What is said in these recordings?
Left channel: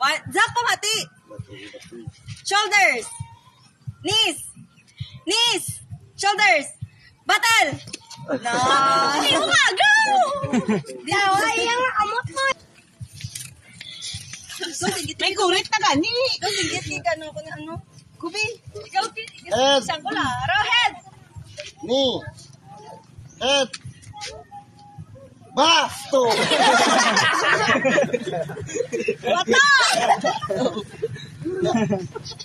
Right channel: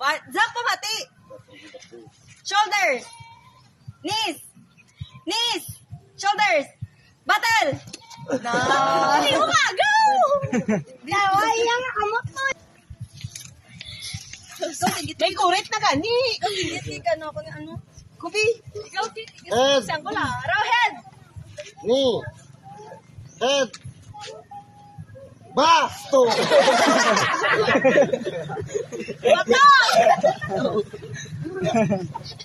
Jump pamati. Shoulders. Knees. Knees. Shoulders. Battle. Go! May kurit na gani. Tingit ka no ano. Kubi. Head. Saan ko na? Head. Knee. Head. Basto. Bato.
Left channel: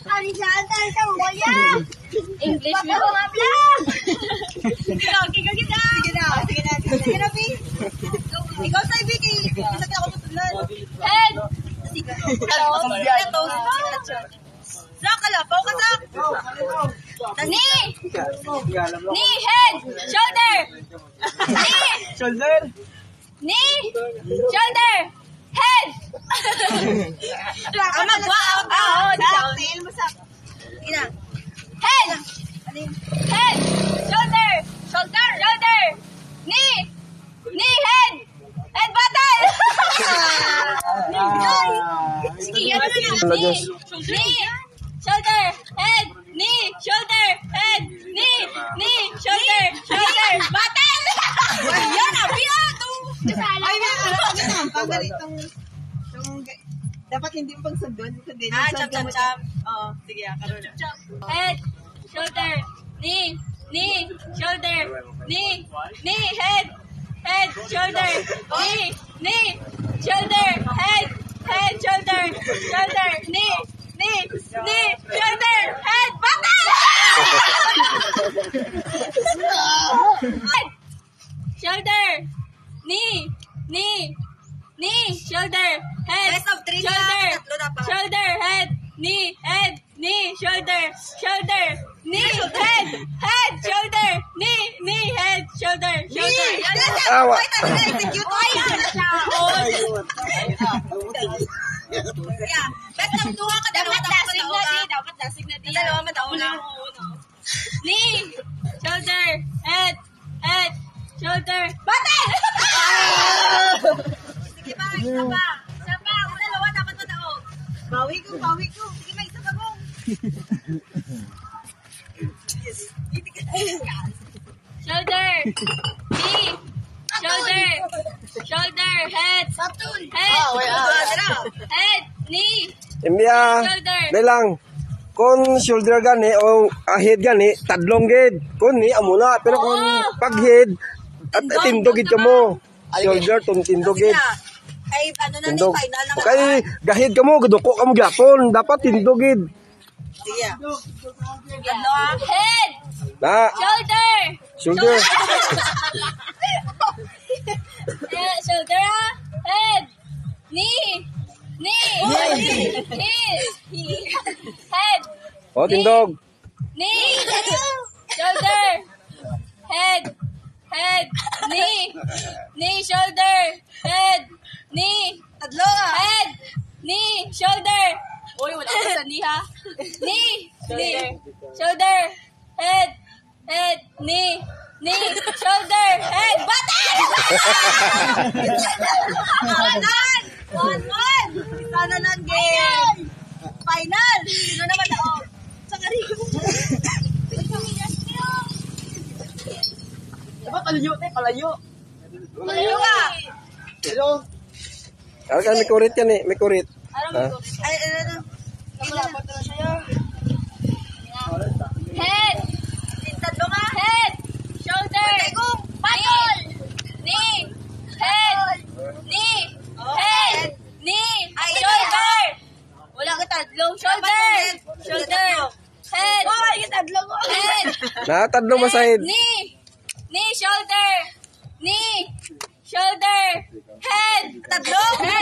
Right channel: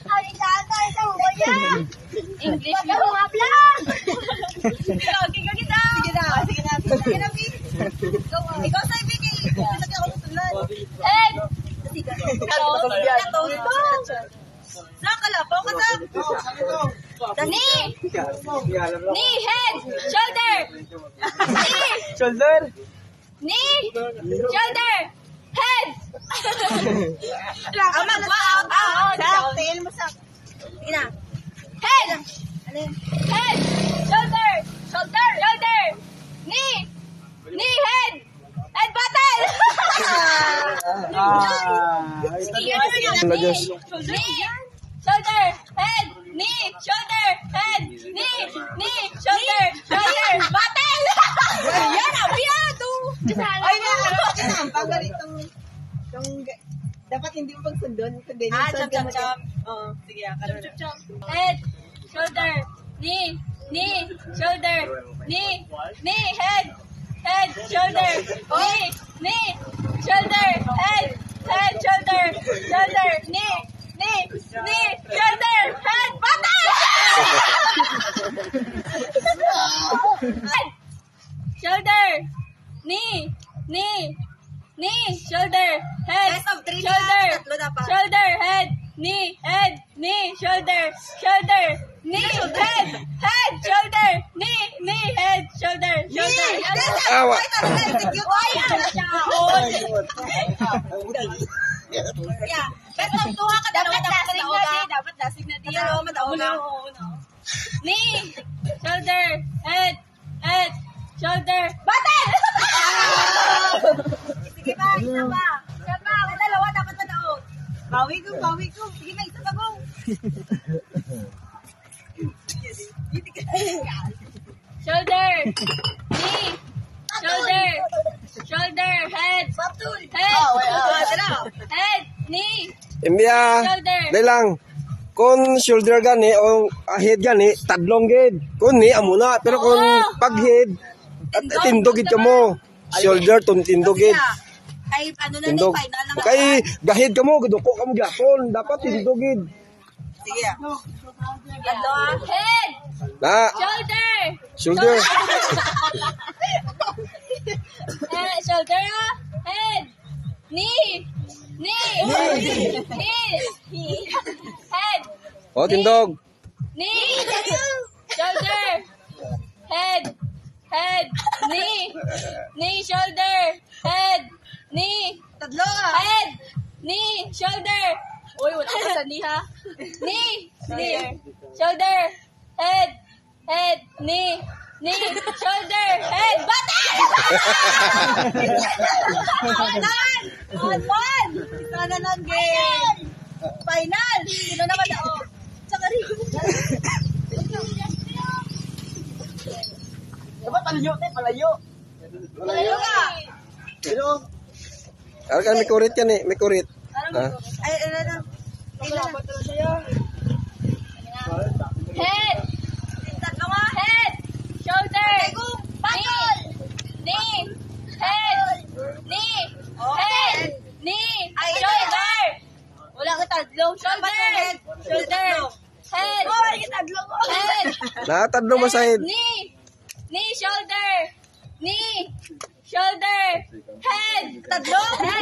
Arisante sa uya. English mo. Ikaw, kita. Sige na, B. Ikaw sa Vicky. Isa ka ako tutulad. Head. Sa kalapaw ka sa. Knee. Knee, head. Shoulder. Knee. Shoulder. Knee. Shoulder. Head. Tail mo sa. Ina. Head. Head. Shoulder. Shoulder. Knee. Knee, head. Head battle. Knee. Shoulder. Head. Knee. Shoulder. Head. Knee. Knee. Shoulder. Battle. Yan, abiyan. Ay, pag ganitong dapat hindi pang sundon. Chop. Oo, sige, karoon na. Head, shoulder, knee, shoulder, knee, head, shoulder, knee, shoulder, head, shoulder, knee, shoulder, head, battle! Shoulder, knee, shoulder, head, shoulder, head, knee, shoulder, knee, head, shoulder, knee, head, shoulder. Awa. Dapat dasig na diyan. Knee, shoulder, head, shoulder, battle! Sige pa, isa pa. Dalawa dapat madaog. Bawi ko. Sige, may isa pa ko. Shoulder, knee, shoulder, head, knee, Imbya. shoulder. Dahil lang. Kung shoulder gani o head gani, tadlong gid. Kung ni amuna, pero kung pag head at tindog gid mo. Shoulder tindog gid. Ay, ano na Tindog. final na. Kay dahid ka mo, guduko ka mo gyapon, dapat tindog gid. Sige. Head, Na, shoulder, shoulder. shoulder, head, knee, head, O tindog. knee, shoulder, head, knee, shoulder, head, knee, head, knee, shoulder. Uy, wala ko sa knee ha. Knee, shoulder, head, knee, shoulder, head, battle! One. Sana lang game. Final. Sino naman ako? Tsaka rin. Dapat palayo. Malayo ka. May kurit yan eh, may kurit. Ha? Ay, ano. Head. Tatlo nga. Head. Shoulder. Knee. Head. Knee. Head. Knee. Shoulder. Wala ka tatlo. Shoulder. Head. Head. Nakatadlong mo sa head. Knee. Shoulder. Knee. Shoulder. Head. Tatlo.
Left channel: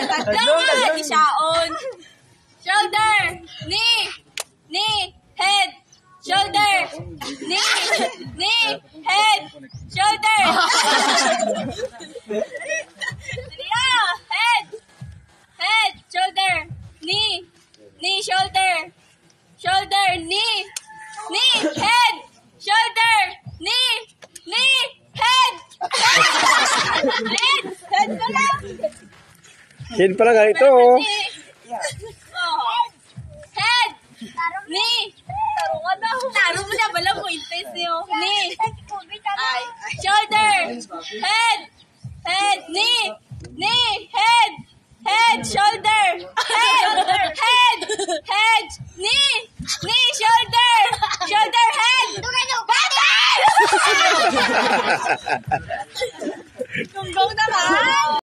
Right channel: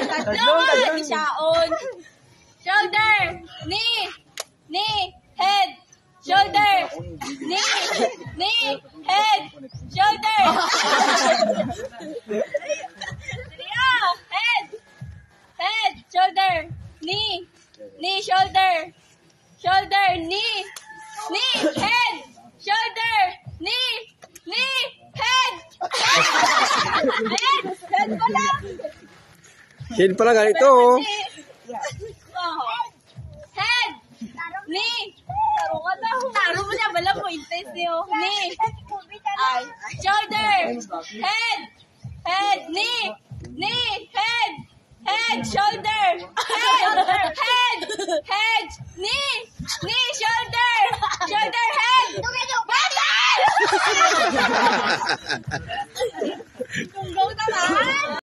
Tatlo. Isaon. Shoulder. Knee. Head. Shoulder. Knee. Head. Shoulder. Head. Shoulder. Knee. Shoulder. Knee. Head. Shoulder. Knee. Head. Head ko lang. Head pala ganito oh. Head! Knee! Taro ka daw. Taro mo na, bala mo, intes niyo. Knee! Ay. Shoulder! Head! Head! Knee! Knee! Head! Head! Shoulder! Head! Head! Head! Knee! Knee! Shoulder! Shoulder! Head! Button! Tunggong na ka!